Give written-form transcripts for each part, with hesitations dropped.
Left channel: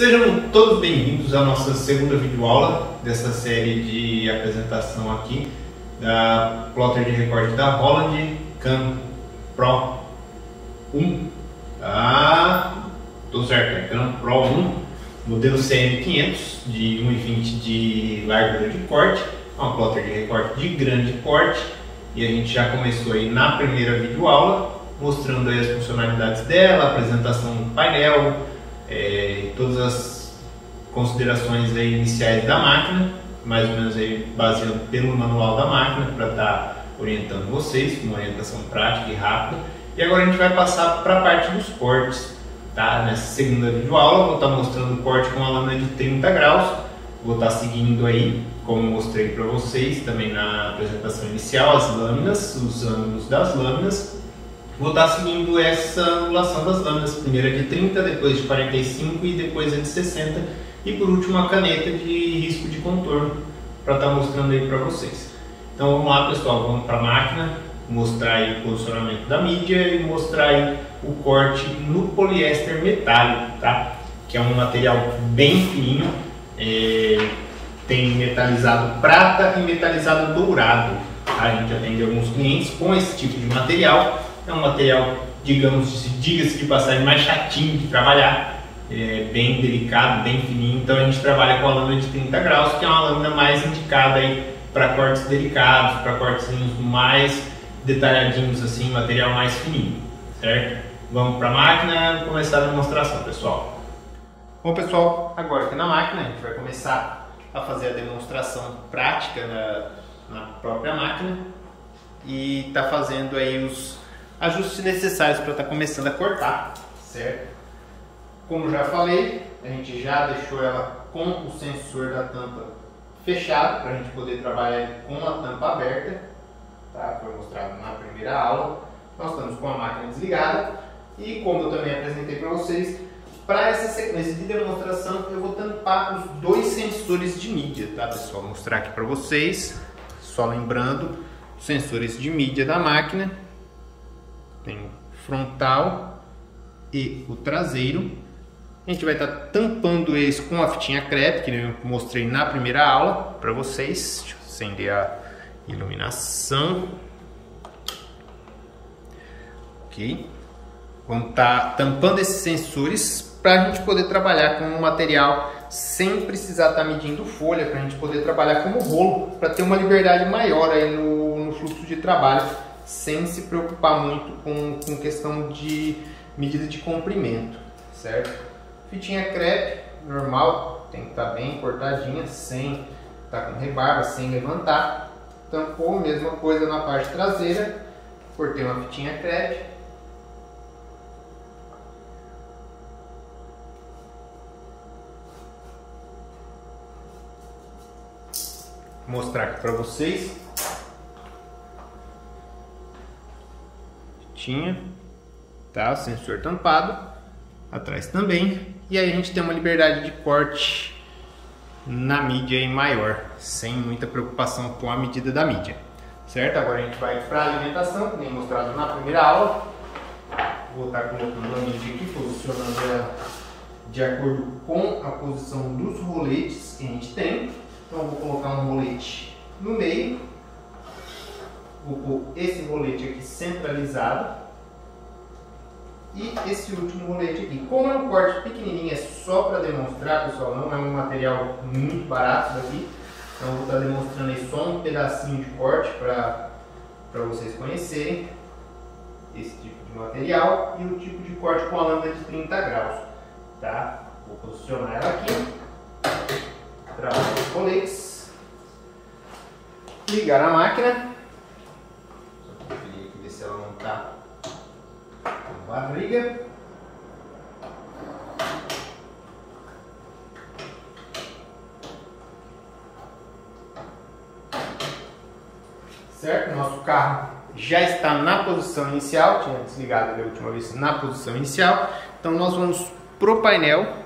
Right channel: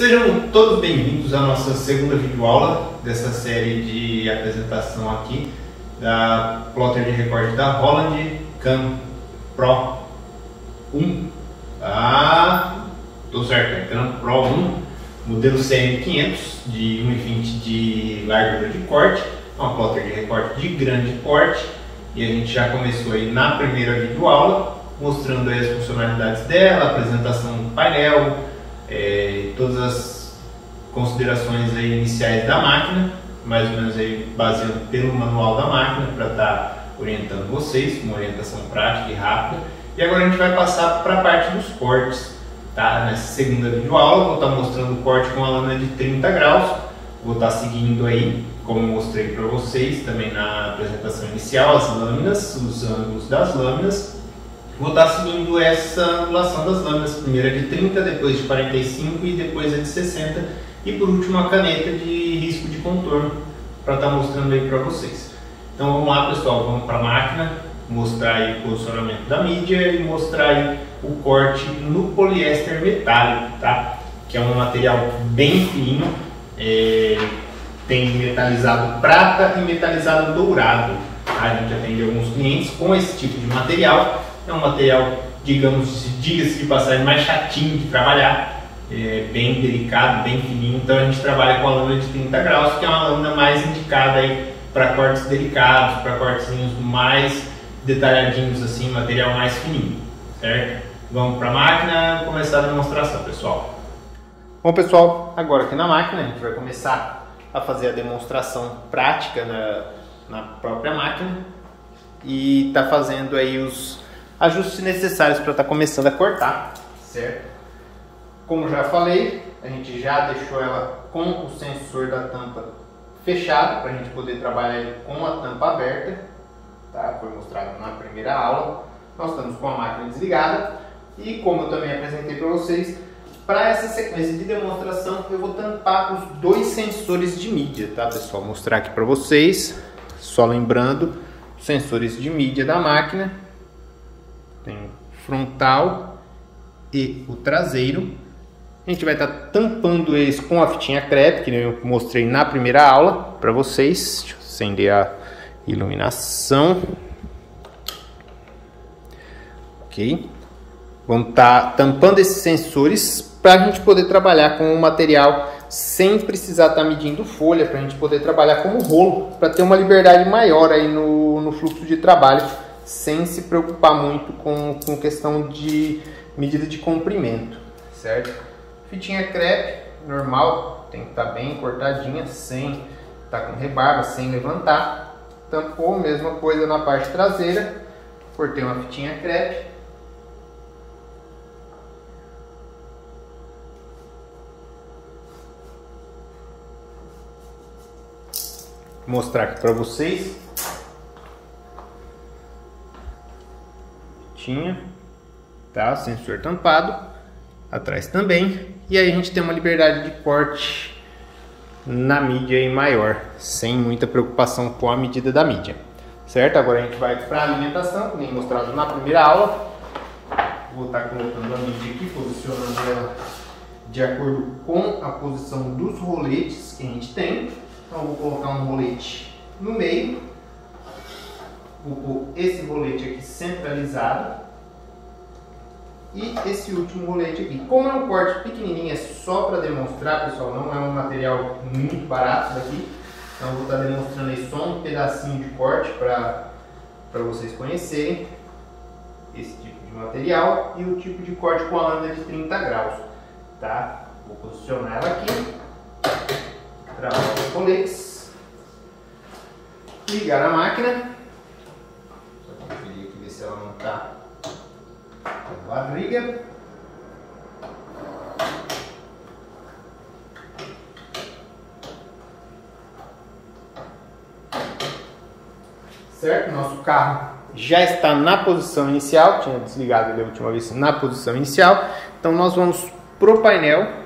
Sejam todos bem-vindos à nossa segunda videoaula dessa série de apresentação aqui da plotter de recorte da Holland Cam Pro 1. Tudo certo, Cam Pro 1, modelo CM500 de 1,20 de largura de corte, uma plotter de recorte de grande porte, e a gente já começou aí na primeira videoaula mostrando aí as funcionalidades dela, apresentação do painel, todas as considerações aí iniciais da máquina, mais ou menos aí baseado pelo manual da máquina para estar orientando vocês, uma orientação prática e rápida. E agora a gente vai passar para a parte dos cortes, tá? Nessa segunda videoaula vou estar mostrando o corte com a lâmina de 30 graus, vou estar seguindo aí, como mostrei para vocês também na apresentação inicial, as lâminas, os ângulos das lâminas. Vou estar seguindo essa angulação das lâminas, primeiro a de 30, depois de 45 e depois a de 60 e por último a caneta de risco de contorno para estar mostrando aí para vocês. Então vamos lá, pessoal, vamos para a máquina, mostrar aí o posicionamento da mídia e mostrar aí o corte no poliéster metálico, tá? Que é um material bem fininho, tem metalizado prata e metalizado dourado, tá? A gente atende alguns clientes com esse tipo de material. É um material, digamos, diga-se de passagem, mais chatinho de trabalhar, bem delicado, bem fininho. Então a gente trabalha com a lâmina de 30 graus, que é uma lâmina mais indicada aí para cortes delicados, para cortes mais detalhadinhos, assim, material mais fininho, certo? Vamos para a máquina começar a demonstração, pessoal. Bom, pessoal, agora aqui na máquina a gente vai começar a fazer a demonstração prática na própria máquina e tá fazendo aí os ajustes necessários para estar começando a cortar, certo? Como já falei, a gente já deixou ela com o sensor da tampa fechado para a gente poder trabalhar ele com a tampa aberta, tá? Foi mostrado na primeira aula. Nós estamos com a máquina desligada e, como eu também apresentei para vocês, para essa sequência de demonstração eu vou tampar os dois sensores de mídia, tá, pessoal? Vou mostrar aqui para vocês, só lembrando, sensores de mídia da máquina. Tem o frontal e o traseiro. A gente vai estar tampando eles com a fitinha crepe, que eu mostrei na primeira aula para vocês. Deixa eu acender a iluminação. Ok. Vamos estar tampando esses sensores para a gente poder trabalhar com o material sem precisar estar medindo folha, para a gente poder trabalhar como rolo, para ter uma liberdade maior aí no fluxo de trabalho, sem se preocupar muito com questão de medida de comprimento, certo? Fitinha crepe, normal, tem que estar bem cortadinha, sem estar com rebarba, sem levantar. Tampou, mesma coisa na parte traseira, cortei uma fitinha crepe. Vou mostrar aqui para vocês. Tá, sensor tampado atrás também, e aí a gente tem uma liberdade de corte na mídia aí maior, sem muita preocupação com a medida da mídia, certo? Agora a gente vai para a alimentação, como mostrado na primeira aula. Vou estar colocando a mídia aqui, posicionando ela de acordo com a posição dos roletes que a gente tem. Então eu vou colocar um rolete no meio. Vou pôr esse rolete aqui centralizado e esse último rolete aqui. Como é um corte pequenininho, é só para demonstrar, pessoal, não é um material muito barato daqui, então eu vou estar demonstrando aí só um pedacinho de corte para vocês conhecerem esse tipo de material e o tipo de corte com a lâmina de 30 graus, tá? Vou posicionar ela aqui, travar os roletes, ligar a máquina. Conferir aqui, ver se ela não está com barriga. Certo? Nosso carro já está na posição inicial. Tinha desligado ele a última vez na posição inicial. Então nós vamos pro painel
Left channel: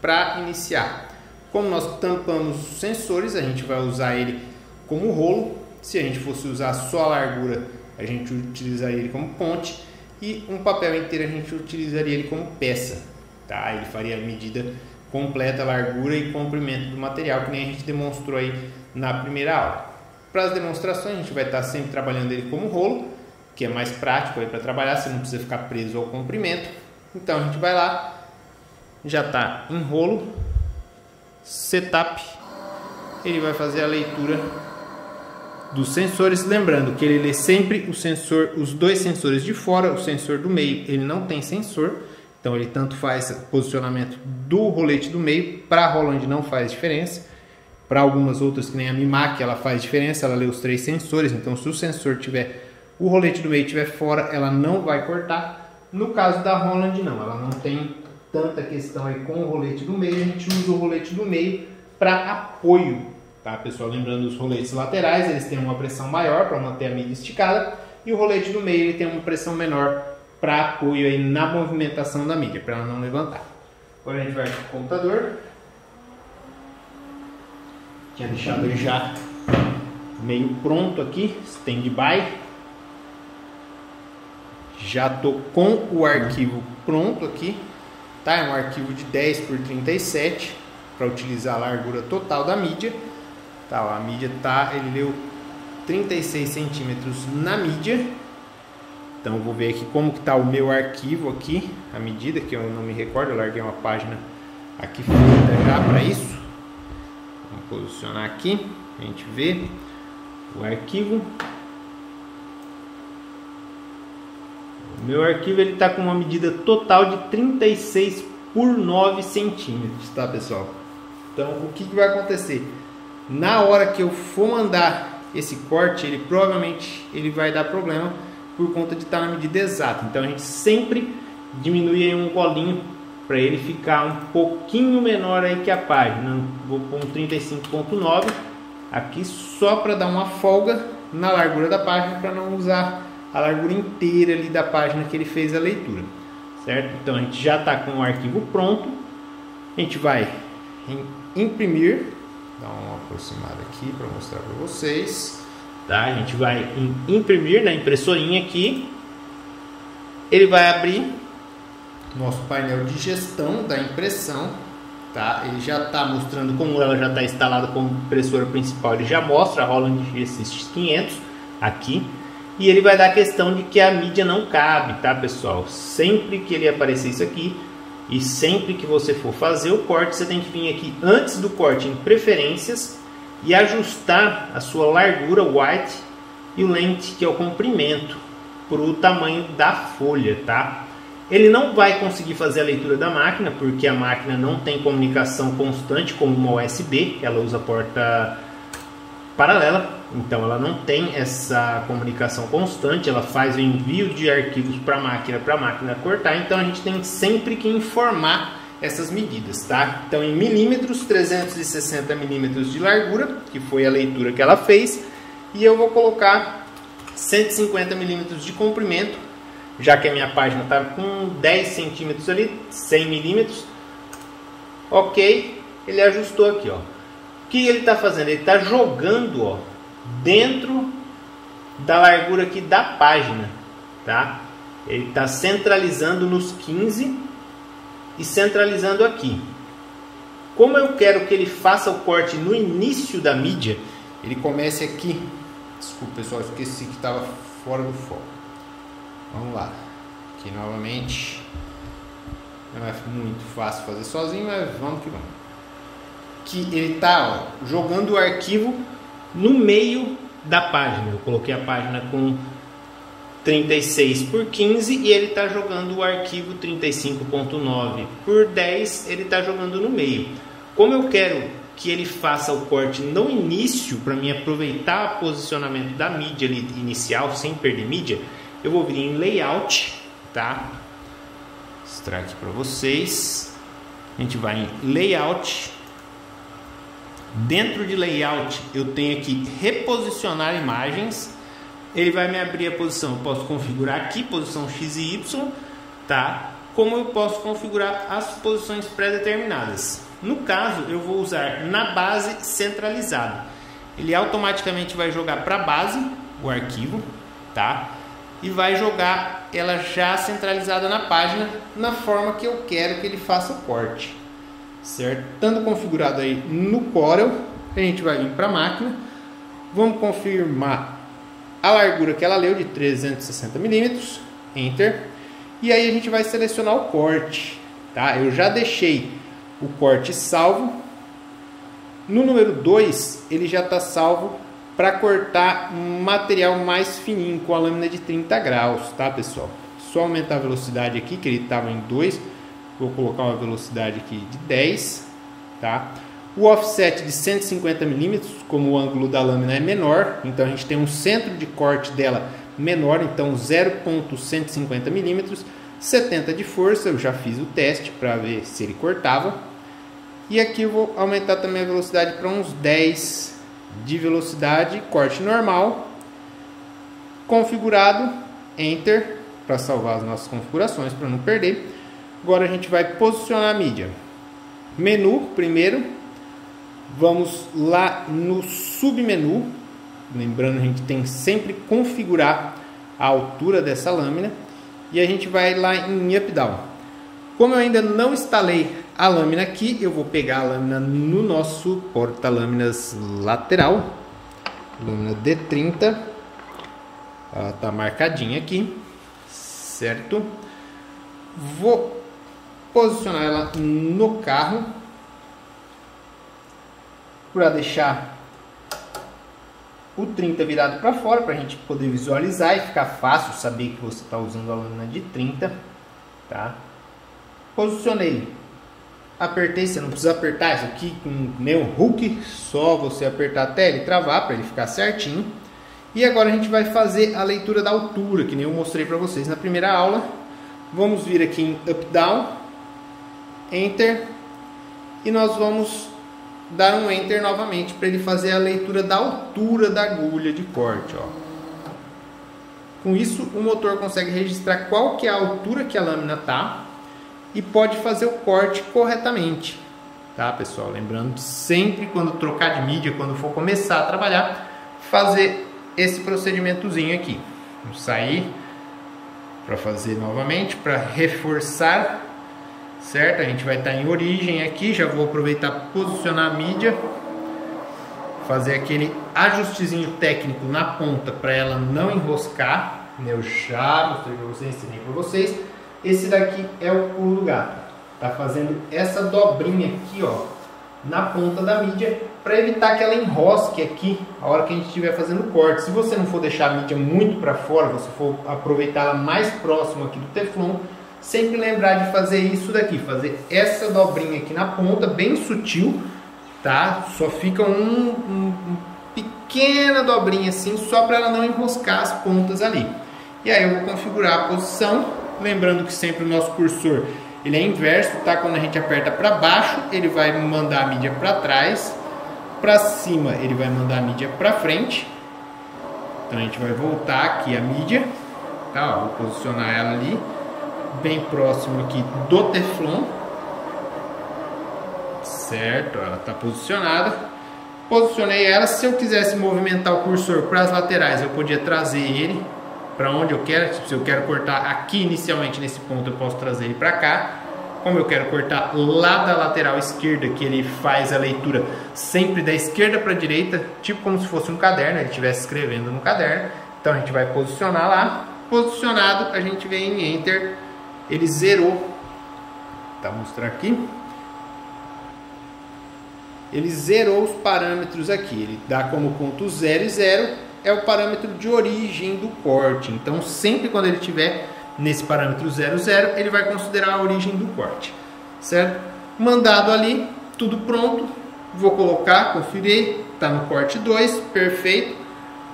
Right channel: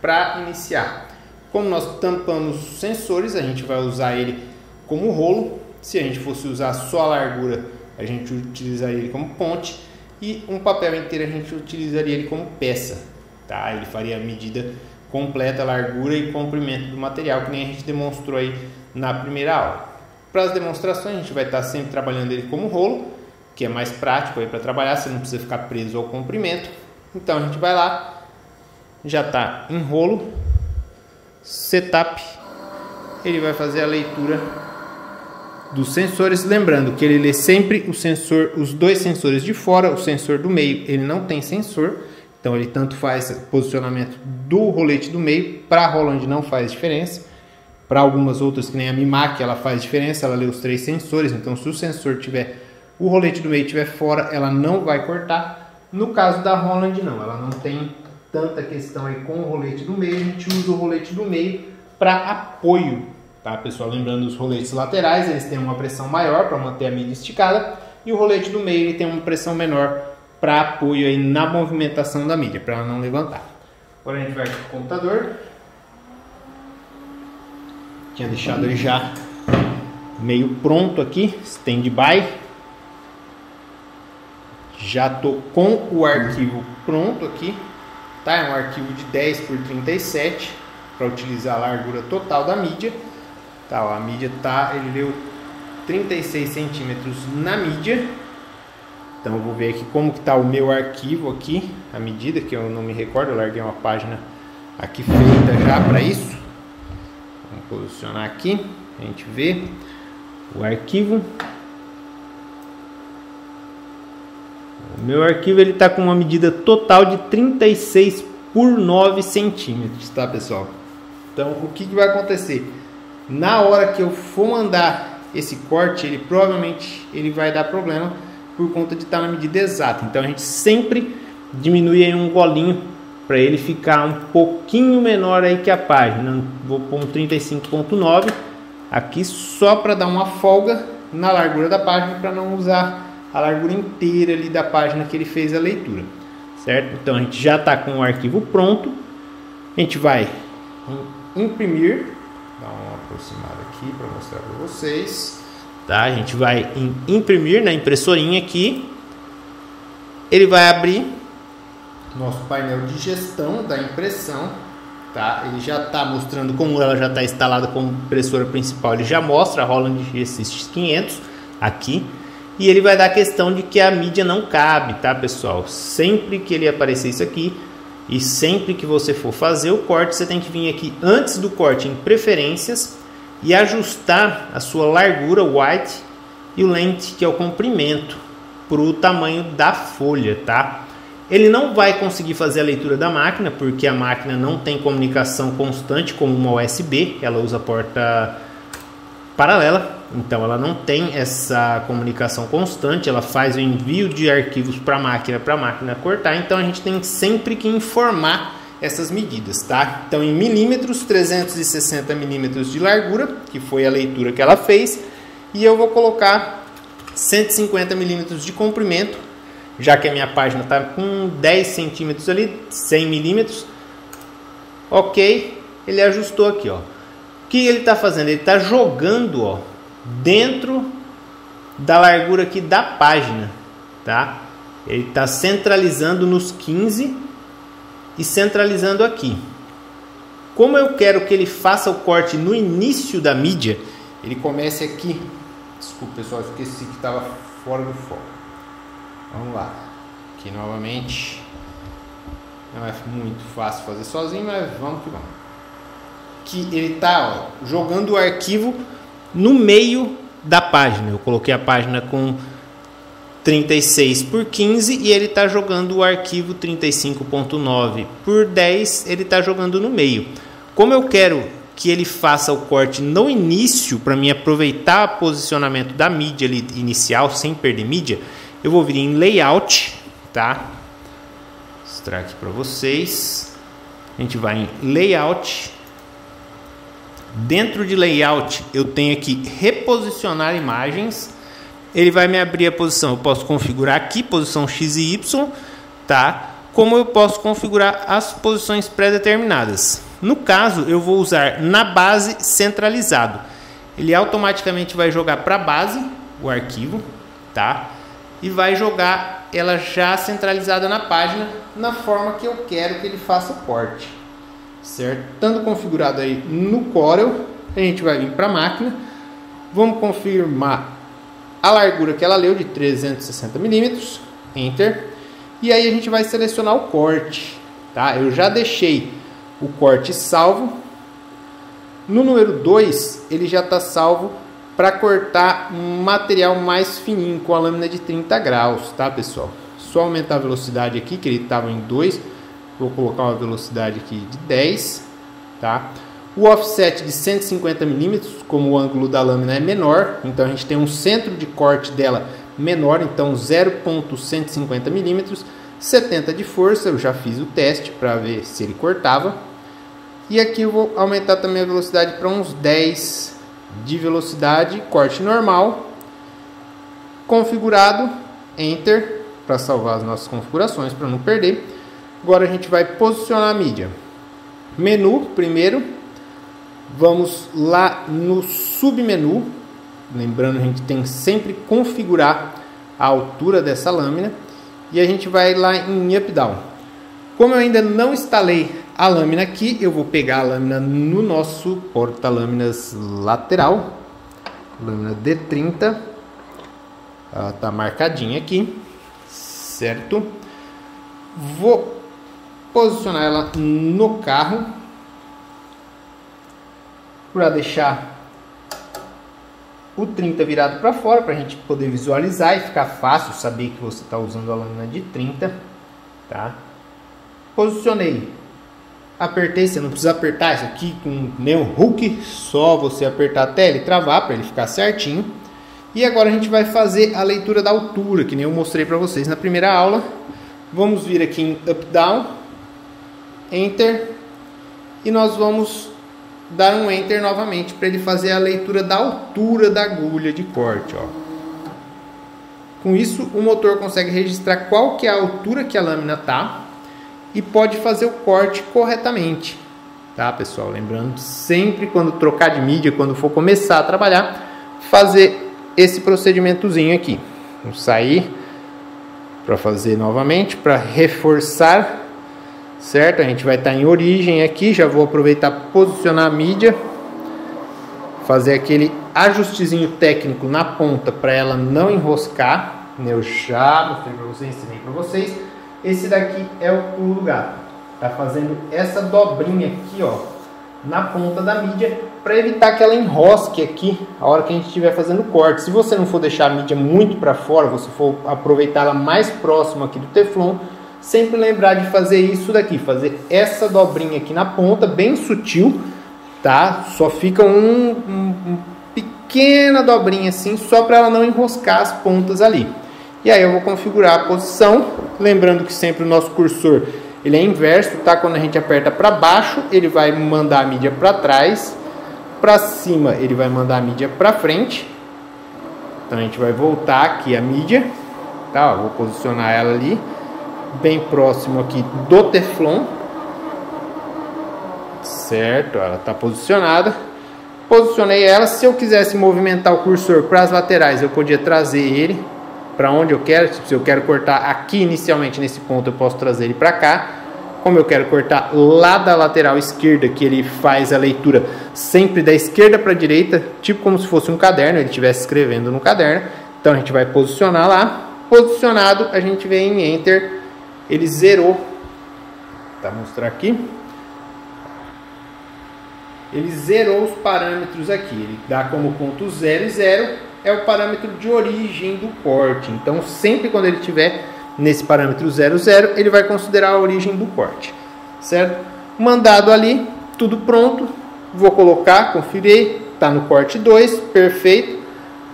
para iniciar. Como nós tampamos os sensores, a gente vai usar ele como rolo. Se a gente fosse usar só a largura, a gente utilizaria ele como ponte, e um papel inteiro a gente utilizaria ele como peça, tá? Ele faria a medida completa a largura e comprimento do material, que nem a gente demonstrou aí na primeira aula. Para as demonstrações, a gente vai estar sempre trabalhando ele como rolo, que é mais prático para trabalhar, você não precisa ficar preso ao comprimento. Então a gente vai lá, já está em rolo, setup, ele vai fazer a leitura dos sensores, lembrando que ele lê sempre o sensor, os dois sensores de fora, o sensor do meio ele não tem sensor, então ele tanto faz posicionamento do rolete do meio, para a Roland não faz diferença, para algumas outras que nem a Mimac ela faz diferença, ela lê os 3 sensores, então se o sensor tiver, o rolete do meio estiver fora, ela não vai cortar. No caso da Roland não, ela não tem tanta questão aí com o rolete do meio, a gente usa o rolete do meio para apoio, tá pessoal? Lembrando, os roletes laterais eles têm uma pressão maior para manter a mídia esticada, e o rolete do meio ele tem uma pressão menor para apoio aí na movimentação da mídia, para ela não levantar. Agora a gente vai para o computador, tinha deixado ele já meio pronto aqui, standby. Já estou com o arquivo pronto aqui, tá? É um arquivo de 10 por 37 para utilizar a largura total da mídia, tá? Ó, a mídia tá, ele leu 36 centímetros na mídia. Então eu vou ver aqui como que tá o meu arquivo aqui, a medida que eu não me recordo, eu larguei uma página aqui feita já para isso. Vamos posicionar aqui, a gente vê o arquivo. O meu arquivo ele está com uma medida total de 36 por 9 centímetros, tá pessoal? Então o que vai acontecer? Na hora que eu for mandar esse corte, ele provavelmente ele vai dar problema por conta de estar na medida exata. Então a gente sempre diminui aí um golinho para ele ficar um pouquinho menor aí que a página. Vou pôr um 35.9 aqui só para dar uma folga na largura da página, para não usar a largura inteira ali da página que ele fez a leitura, certo? Então a gente já está com o arquivo pronto, a gente vai imprimir, dar uma aproximada aqui para mostrar para vocês, tá? A gente vai imprimir na impressorinha aqui, ele vai abrir nosso painel de gestão da impressão, tá? Ele já está mostrando, como ela já está instalada como impressora principal, ele já mostra a Roland GSX 500 aqui. E ele vai dar a questão de que a mídia não cabe, tá pessoal? Sempre que ele aparecer isso aqui, e sempre que você for fazer o corte, você tem que vir aqui antes do corte em preferências e ajustar a sua largura, o width, e o length, que é o comprimento, para o tamanho da folha, tá? Ele não vai conseguir fazer a leitura da máquina, porque a máquina não tem comunicação constante como uma USB, ela usa porta paralela. Então ela não tem essa comunicação constante, ela faz o envio de arquivos para a máquina cortar, então a gente tem sempre que informar essas medidas, tá? Então em milímetros, 360 milímetros de largura, que foi a leitura que ela fez, e eu vou colocar 150 milímetros de comprimento, já que a minha página está com 10 centímetros ali, 100 milímetros, ok, ele ajustou aqui, ó. O que ele está fazendo? Ele está jogando, ó, dentro da largura aqui da página, tá? Ele está centralizando nos 15 e centralizando aqui. Como eu quero que ele faça o corte no início da mídia, ele comece aqui. Desculpa pessoal, esqueci que estava fora do foco. Vamos lá, aqui novamente. Não é muito fácil fazer sozinho, mas vamos que vamos. Que ele está jogando o arquivo no meio da página. Eu coloquei a página com 36 por 15 e ele está jogando o arquivo 35.9 por 10, ele está jogando no meio. Como eu quero que ele faça o corte no início, para mim aproveitar o posicionamento da mídia ali inicial sem perder mídia, eu vou vir em layout, tá? Mostrar isso para vocês. A gente vai em layout. Dentro de layout eu tenho aqui reposicionar imagens. Ele vai me abrir a posição. Eu posso configurar aqui posição X e Y, tá? Como eu posso configurar as posições pré-determinadas. No caso, eu vou usar na base centralizado. Ele automaticamente vai jogar para a base o arquivo, tá? E vai jogar ela já centralizada na página, na forma que eu quero que ele faça o corte. certo? Estando configurado aí no Corel, a gente vai vir para a máquina, vamos confirmar a largura que ela leu de 360 milímetros, Enter, e aí a gente vai selecionar o corte, tá? Eu já deixei o corte salvo. No número 2, ele já está salvo para cortar material mais fininho com a lâmina de 30 graus, tá, pessoal? Só aumentar a velocidade aqui, que ele estava em 2, vou colocar uma velocidade aqui de 10, tá? O offset de 150 milímetros, como o ângulo da lâmina é menor, então a gente tem um centro de corte dela menor, então 0,150 milímetros, 70 de força, eu já fiz o teste para ver se ele cortava. E aqui eu vou aumentar também a velocidade para uns 10 de velocidade, corte normal, configurado, Enter, para salvar as nossas configurações, para não perder. Agora a gente vai posicionar a mídia. Menu primeiro, vamos lá no submenu, lembrando a gente tem sempre configurar a altura dessa lâmina, e a gente vai lá em Up Down. Como eu ainda não instalei a lâmina aqui, eu vou pegar a lâmina no nosso porta-lâminas lateral, lâmina D30, ela está marcadinha aqui, certo? Vou posicionar ela no carro para deixar o 30 virado para fora, para a gente poder visualizar e ficar fácil saber que você está usando a lâmina de 30, tá? Posicionei, apertei, você não precisa apertar isso aqui com nem um hook, só você apertar até ele travar para ele ficar certinho. E agora a gente vai fazer a leitura da altura, que nem eu mostrei para vocês na primeira aula. Vamos vir aqui em Up Down, Enter, e nós vamos dar um Enter novamente para ele fazer a leitura da altura da agulha de corte, ó. Com isso o motor consegue registrar qual que é a altura que a lâmina tá e pode fazer o corte corretamente, tá, pessoal? Lembrando sempre, quando trocar de mídia, quando for começar a trabalhar, fazer esse procedimentozinho aqui. Vamos sair para fazer novamente, para reforçar, certo? A gente vai estar em origem aqui, já vou aproveitar para posicionar a mídia, fazer aquele ajustezinho técnico na ponta para ela não enroscar. Eu já mostrei para vocês, ensinei para vocês. Esse daqui é o pulo do gato, tá fazendo essa dobrinha aqui, ó, na ponta da mídia, para evitar que ela enrosque aqui a hora que a gente estiver fazendo corte. Se você não for deixar a mídia muito para fora, você for aproveitar ela mais próxima aqui do Teflon, sempre lembrar de fazer isso daqui, fazer essa dobrinha aqui na ponta, bem sutil, tá? Só fica uma pequena dobrinha assim, só para ela não enroscar as pontas ali. E aí eu vou configurar a posição. Lembrando que sempre o nosso cursor ele é inverso, tá? Quando a gente aperta para baixo, ele vai mandar a mídia para trás, para cima ele vai mandar a mídia para frente. Então a gente vai voltar aqui a mídia, tá? Ó, vou posicionar ela ali, bem próximo aqui do Teflon, certo? Ela está posicionada. Posicionei ela. Se eu quisesse movimentar o cursor para as laterais, eu podia trazer ele para onde eu quero. Se eu quero cortar aqui inicialmente nesse ponto, eu posso trazer ele para cá. Como eu quero cortar lá da lateral esquerda, que ele faz a leitura sempre da esquerda para a direita, tipo como se fosse um caderno, ele estivesse escrevendo no caderno. Então a gente vai posicionar lá. Posicionado, a gente vem em Enter, ele zerou. Tá, mostrar aqui. Ele zerou os parâmetros aqui. Ele dá como ponto 0 e 0. É o parâmetro de origem do corte. Então, sempre quando ele estiver nesse parâmetro 0, 0, ele vai considerar a origem do corte, certo? Mandado ali, tudo pronto. Vou colocar, conferir, tá no corte 2, perfeito.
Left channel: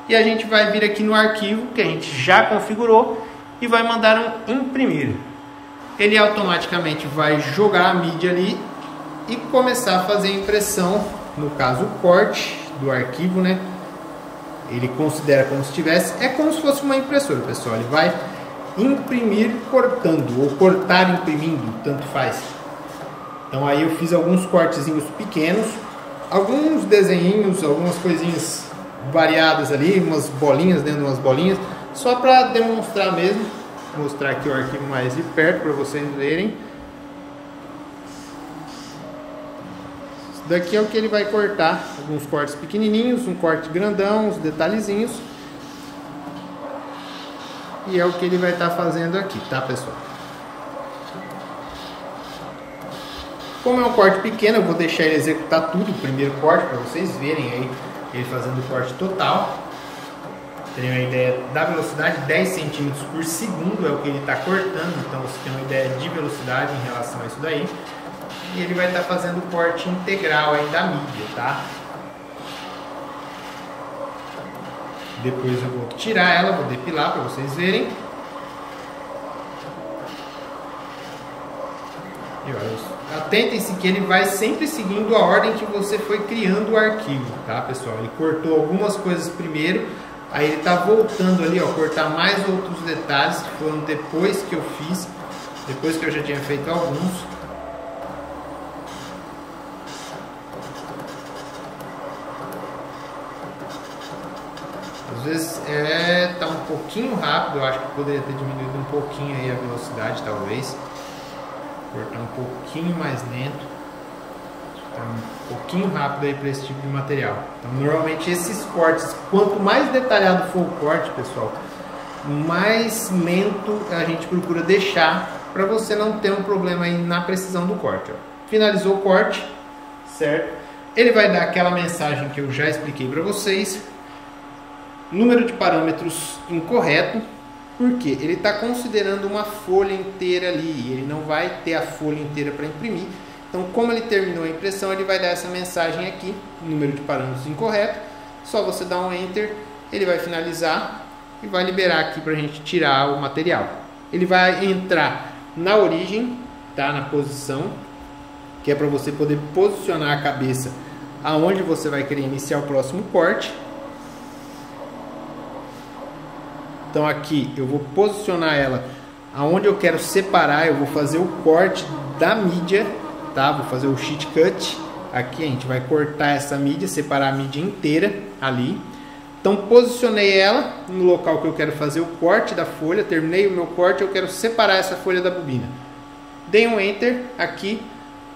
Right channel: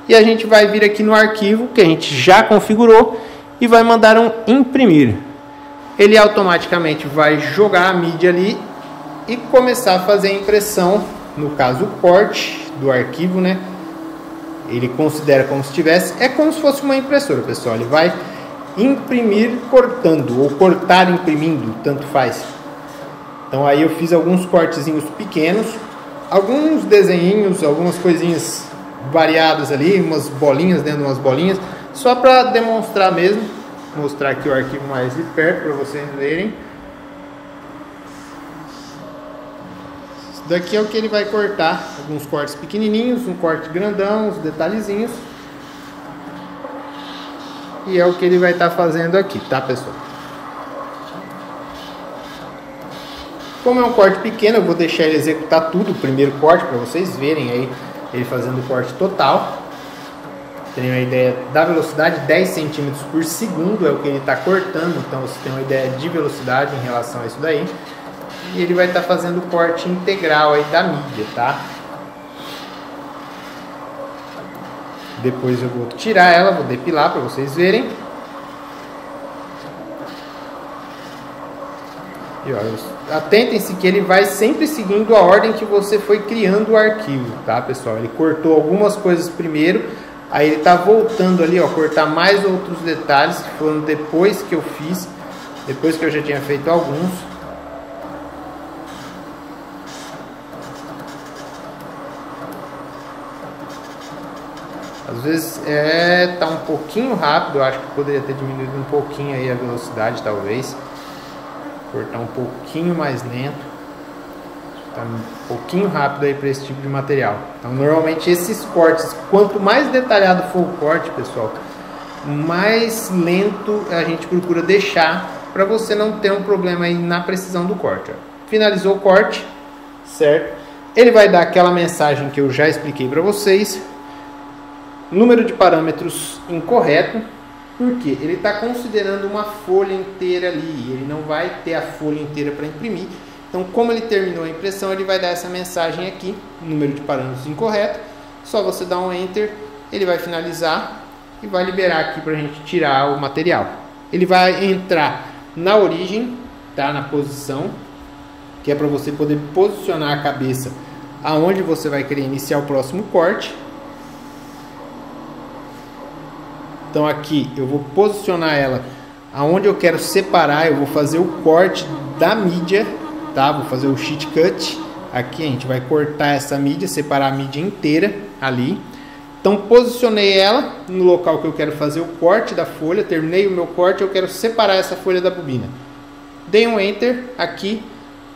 E a gente vai vir aqui no arquivo que a gente já configurou e vai mandar um imprimir. Ele automaticamente vai jogar a mídia ali e começar a fazer a impressão, no caso o corte do arquivo, né? Ele considera como se tivesse, é como se fosse uma impressora, pessoal. Ele vai imprimir cortando, ou cortar imprimindo, tanto faz. Então aí eu fiz alguns cortezinhos pequenos, alguns desenhinhos, algumas coisinhas variadas ali, umas bolinhas dentro de umas bolinhas, só para demonstrar mesmo. Vou mostrar aqui o arquivo mais de perto para vocês verem. Daqui é o que ele vai cortar, alguns cortes pequenininhos, um corte grandão, uns detalhezinhos. E é o que ele vai estar fazendo aqui, tá, pessoal? Como é um corte pequeno, eu vou deixar ele executar tudo, o primeiro corte, para vocês verem aí ele fazendo o corte total. Tem uma ideia da velocidade, 10 centímetros por segundo é o que ele está cortando, então você tem uma ideia de velocidade em relação a isso daí. E ele vai estar fazendo o corte integral aí da mídia, tá? Depois eu vou tirar ela, vou depilar para vocês verem. E olha, atentem-se que ele vai sempre seguindo a ordem que você foi criando o arquivo, tá, pessoal? Ele cortou algumas coisas primeiro, aí ele tá voltando ali, ó, cortar mais outros detalhes que foram depois que eu fiz, depois que eu já tinha feito alguns. Às vezes tá um pouquinho rápido, eu acho que poderia ter diminuído um pouquinho aí a velocidade, talvez. Cortar um pouquinho mais lento. Tá um pouquinho rápido aí para esse tipo de material. Então, normalmente esses cortes, quanto mais detalhado for o corte, pessoal, mais lento a gente procura deixar para você não ter um problema aí na precisão do corte. Ó. Finalizou o corte, certo? Ele vai dar aquela mensagem que eu já expliquei para vocês. Número de parâmetros incorreto, porque ele está considerando uma folha inteira ali, ele não vai ter a folha inteira para imprimir. Então, como ele terminou a impressão, ele vai dar essa mensagem aqui, número de parâmetros incorreto. Só você dar um Enter, ele vai finalizar e vai liberar aqui para a gente tirar o material. Ele vai entrar na origem, tá? Na posição, que é para você poder posicionar a cabeça aonde você vai querer iniciar o próximo corte. Então aqui eu vou posicionar ela aonde eu quero separar, eu vou fazer o corte da mídia, tá? Vou fazer o sheet cut. Aqui a gente vai cortar essa mídia, separar a mídia inteira ali. Então posicionei ela no local que eu quero fazer o corte da folha, terminei o meu corte, eu quero separar essa folha da bobina. Dei um Enter aqui,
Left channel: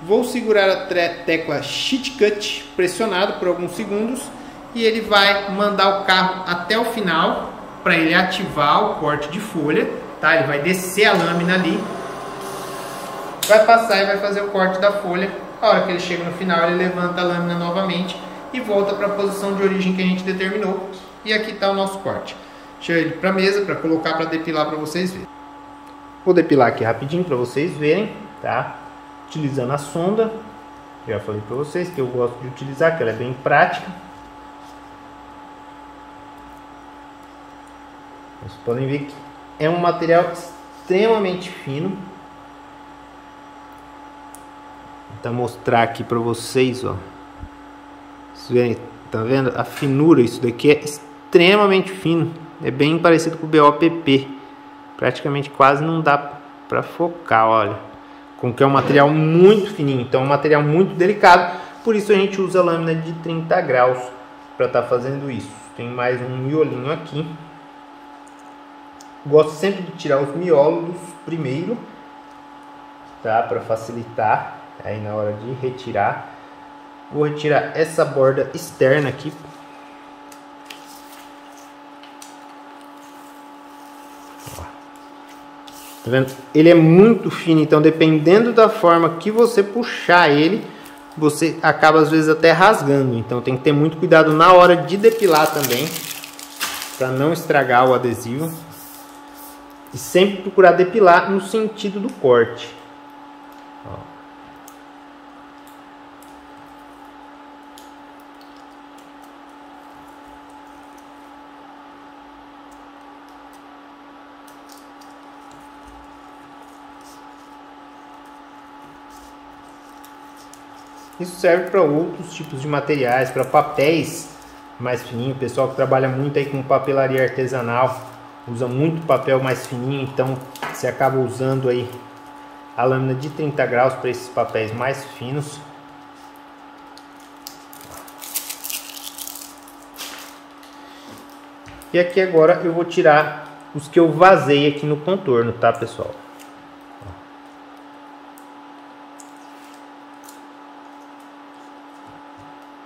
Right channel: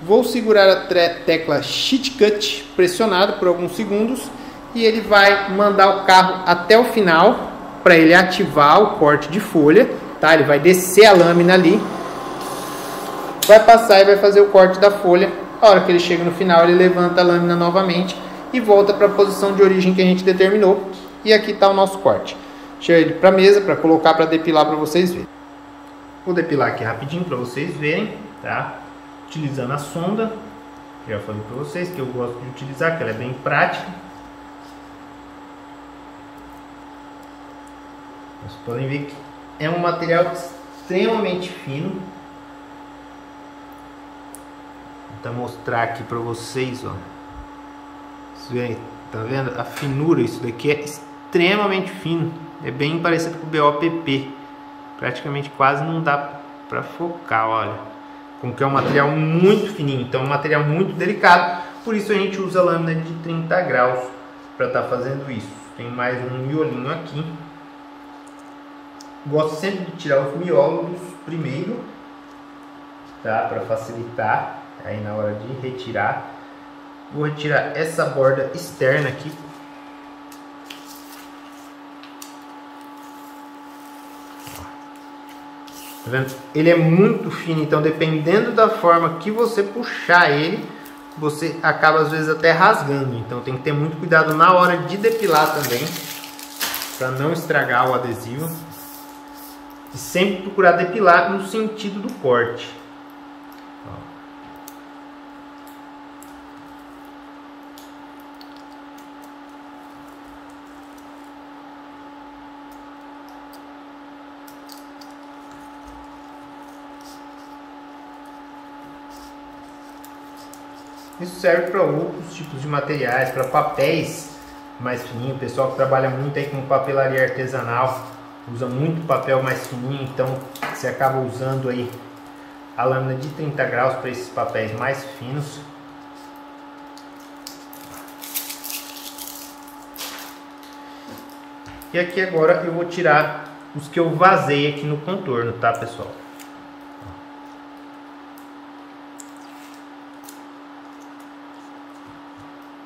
vou segurar a tecla sheet cut pressionado por alguns segundos e ele vai mandar o carro até o final, para ele ativar o corte de folha, tá? Ele vai descer a lâmina ali, vai passar e vai fazer o corte da folha. A hora que ele chega no final, ele levanta a lâmina novamente e volta para a posição de origem que a gente determinou. E aqui está o nosso corte. Deixa ele para a mesa para colocar para depilar para vocês verem. Vou depilar aqui rapidinho para vocês verem, tá? Utilizando a sonda, já falei para vocês que eu gosto de utilizar, que ela é bem prática. Vocês podem ver que é um material extremamente fino. Vou tentar mostrar aqui para vocês, ó. Vocês verem, tá vendo? A finura, isso daqui é extremamente fino. É bem parecido com o BOPP. Praticamente quase não dá para focar, olha. Como que é um material muito fininho, então é um material muito delicado. Por isso a gente usa a lâmina de 30 graus para estar fazendo isso. Tem mais um miolinho aqui. Gosto sempre de tirar os miolos primeiro, tá? Para facilitar aí na hora de retirar. Vou retirar essa borda externa aqui. Tá vendo? Ele é muito fino, então dependendo da forma que você puxar ele, você acaba às vezes até rasgando. Então tem que ter muito cuidado na hora de depilar também, para não estragar o adesivo. E sempre procurar depilar no sentido do corte. Ó. Isso serve para outros tipos de materiais, para papéis mais fininho. O pessoal que trabalha muito aí com papelaria artesanal usa muito papel mais fininho, então você acaba usando aí a lâmina de 30 graus para esses papéis mais finos. E aqui agora eu vou tirar os que eu vazei aqui no contorno, tá, pessoal?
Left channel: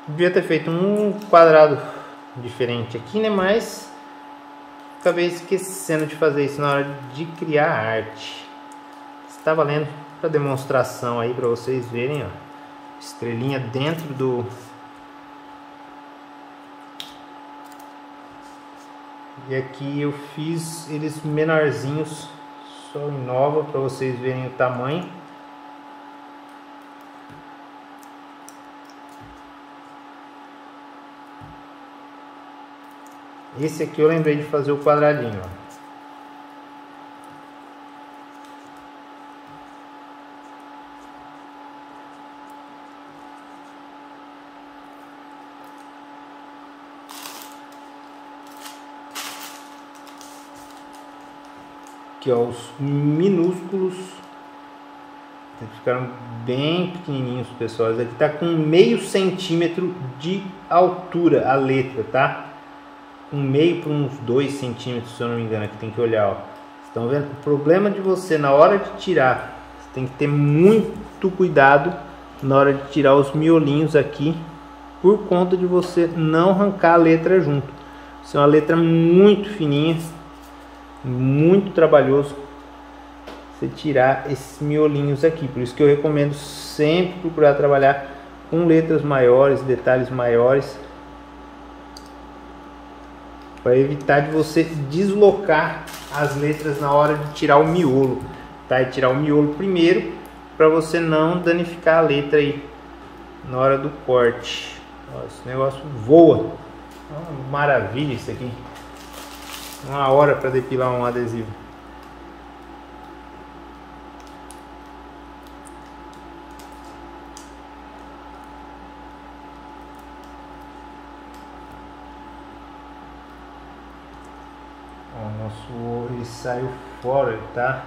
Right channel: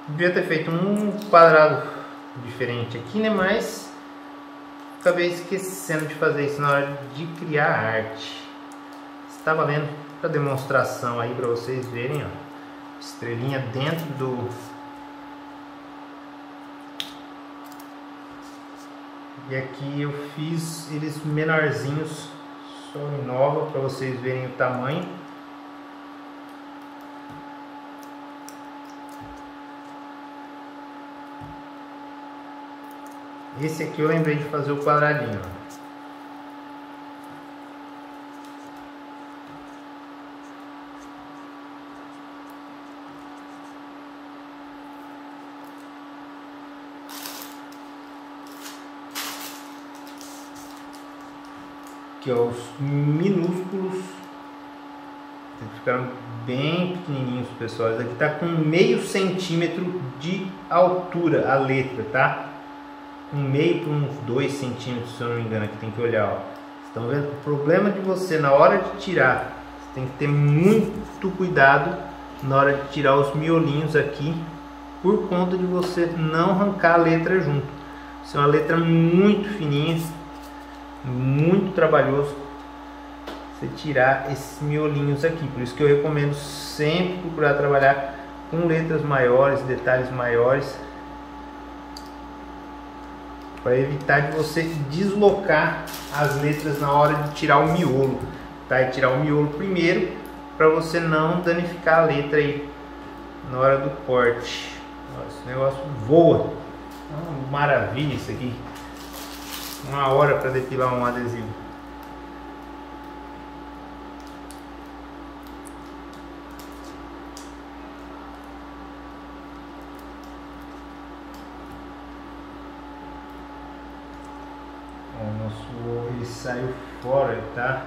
Devia ter feito um quadrado diferente aqui, né? Mas acabei esquecendo de fazer isso na hora de criar a arte. Está valendo para demonstração aí para vocês verem, ó, estrelinha dentro do... E aqui eu fiz eles menorzinhos, só em nova, para vocês verem o tamanho. Esse aqui eu lembrei de fazer o quadradinho. Aqui, ó, os minúsculos ficaram bem pequenininhos, pessoal. Esse aqui tá com meio centímetro de altura a letra, tá? Um meio para uns 2 centímetros, se eu não me engano. Aqui tem que olhar, ó. Estão vendo? O problema de você na hora de tirar, você tem que ter muito cuidado na hora de tirar os miolinhos aqui, por conta de você não arrancar a letra junto. Isso é uma letra muito fininha, muito trabalhoso você tirar esses miolinhos aqui. Por isso que eu recomendo sempre procurar trabalhar com letras maiores, detalhes maiores, para evitar de você deslocar as letras na hora de tirar o miolo, tá? E tirar o miolo primeiro, para você não danificar a letra aí na hora do corte. Nossa, esse negócio voa, uma maravilha isso aqui. Uma hora para depilar um adesivo. O nosso ovo ele saiu fora, tá?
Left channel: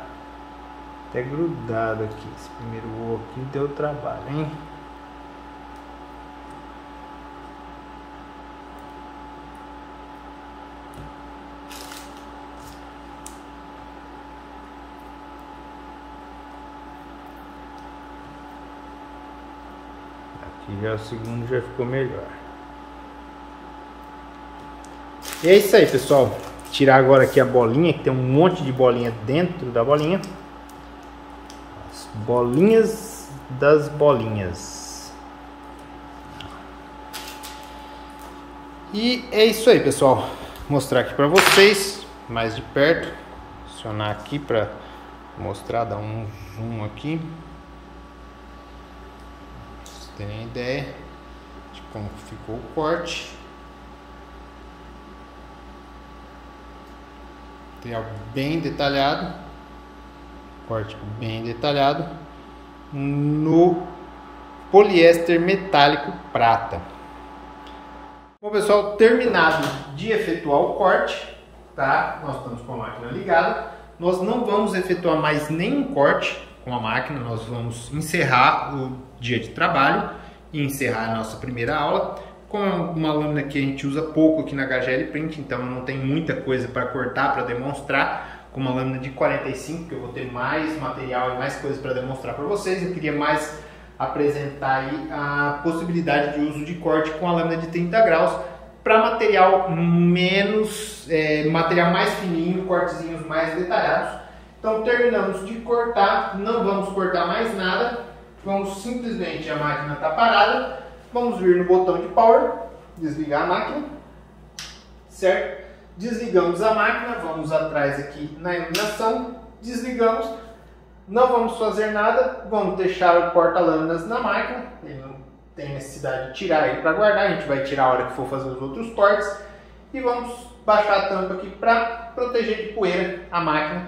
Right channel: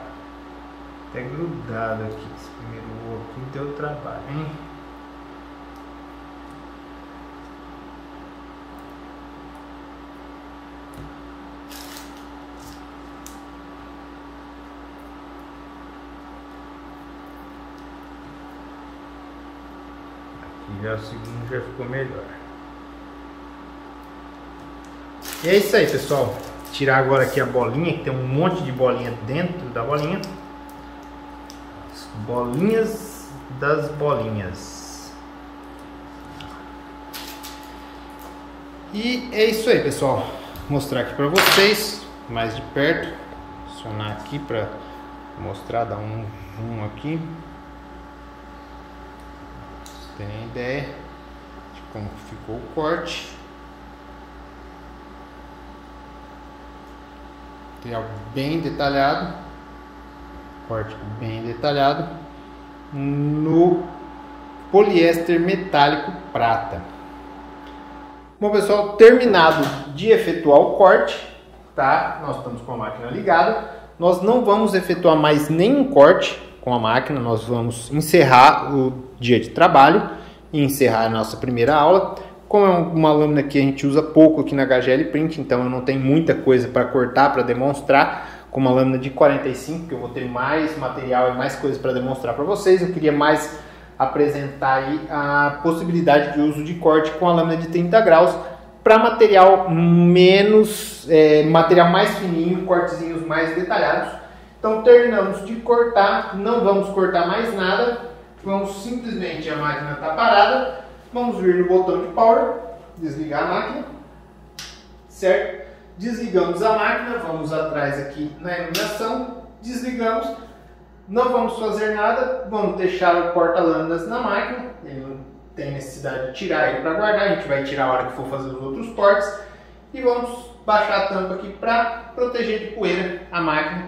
Até grudado aqui. Esse primeiro ovo aqui deu trabalho, hein? Aqui já o segundo já ficou melhor. E é isso aí, pessoal. Tirar agora aqui a bolinha, que tem um monte de bolinha dentro da bolinha. As bolinhas das bolinhas. E é isso aí, pessoal. Vou mostrar aqui para vocês mais de perto. Acionar aqui para mostrar, dar um zoom aqui. Pra vocês terem ideia de como ficou o corte. Material bem detalhado, corte bem detalhado no poliéster metálico prata. Bom, pessoal, terminado de efetuar o corte, tá? Nós estamos com a máquina ligada. Nós não vamos efetuar mais nenhum corte com a máquina. Nós vamos encerrar o dia de trabalho e encerrar a nossa primeira aula. Como é uma lâmina que a gente usa pouco aqui na HGL Print, então eu não tenho muita coisa para cortar, para demonstrar, com uma lâmina de 45, que eu vou ter mais material e mais coisas para demonstrar para vocês. Eu queria mais apresentar aí a possibilidade de uso de corte com a lâmina de 30 graus, para material menos, material mais fininho, cortezinhos mais detalhados. Então terminamos de cortar, não vamos cortar mais nada, vamos simplesmente, a máquina está parada. Vamos vir no botão de power, desligar a máquina, certo? Desligamos a máquina, vamos atrás aqui na iluminação, desligamos, não vamos fazer nada, vamos deixar o porta-lâminas na máquina, ele não tem necessidade de tirar ele para guardar, a gente vai tirar a hora que for fazer os outros cortes, e vamos baixar a tampa aqui para proteger de poeira a máquina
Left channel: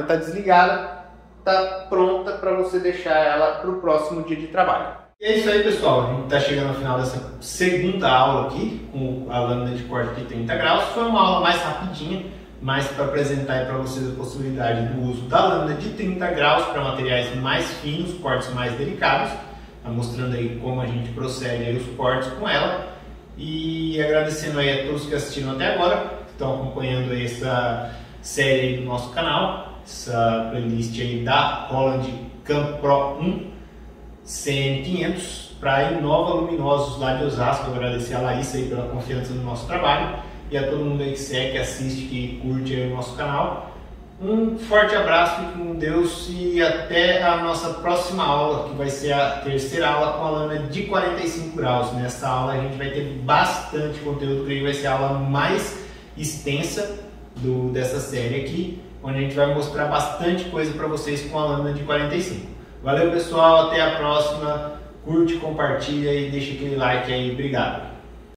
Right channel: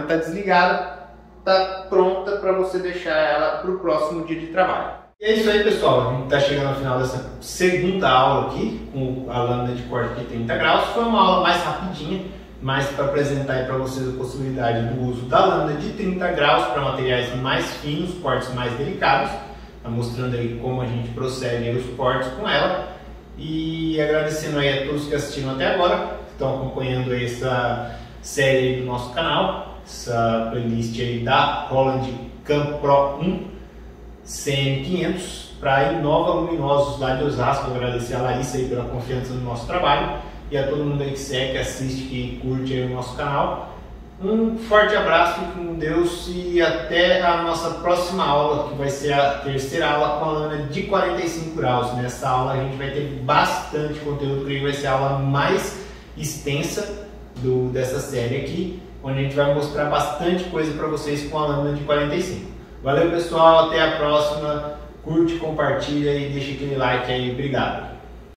está desligada, está pronta para você deixar ela para o próximo dia de trabalho. E é isso aí, pessoal, a gente está chegando ao final dessa segunda aula aqui com a lâmina de corte de 30 graus. Foi uma aula mais rapidinha, mas para apresentar para vocês a possibilidade do uso da lâmina de 30 graus para materiais mais finos, cortes mais delicados. Está mostrando aí como a gente procede os cortes com ela. E agradecendo aí a todos que assistiram até agora, que estão acompanhando essa série aí do nosso canal, essa playlist aí da Roland Cam Pro 1. CM500 para Inova Luminosos lá de Osasco. Eu agradecer a Larissa aí pela confiança no nosso trabalho e a todo mundo aí que segue, que assiste, que curte aí o nosso canal. Um forte abraço, fique com Deus e até a nossa próxima aula, que vai ser a terceira aula com a lâmina de 45 graus. Nessa aula a gente vai ter bastante conteúdo, que vai ser a aula mais extensa dessa série aqui, onde a gente vai mostrar bastante coisa para vocês com a lâmina de 45. Valeu pessoal, até a próxima, curte, compartilha e deixa aquele like aí, obrigado.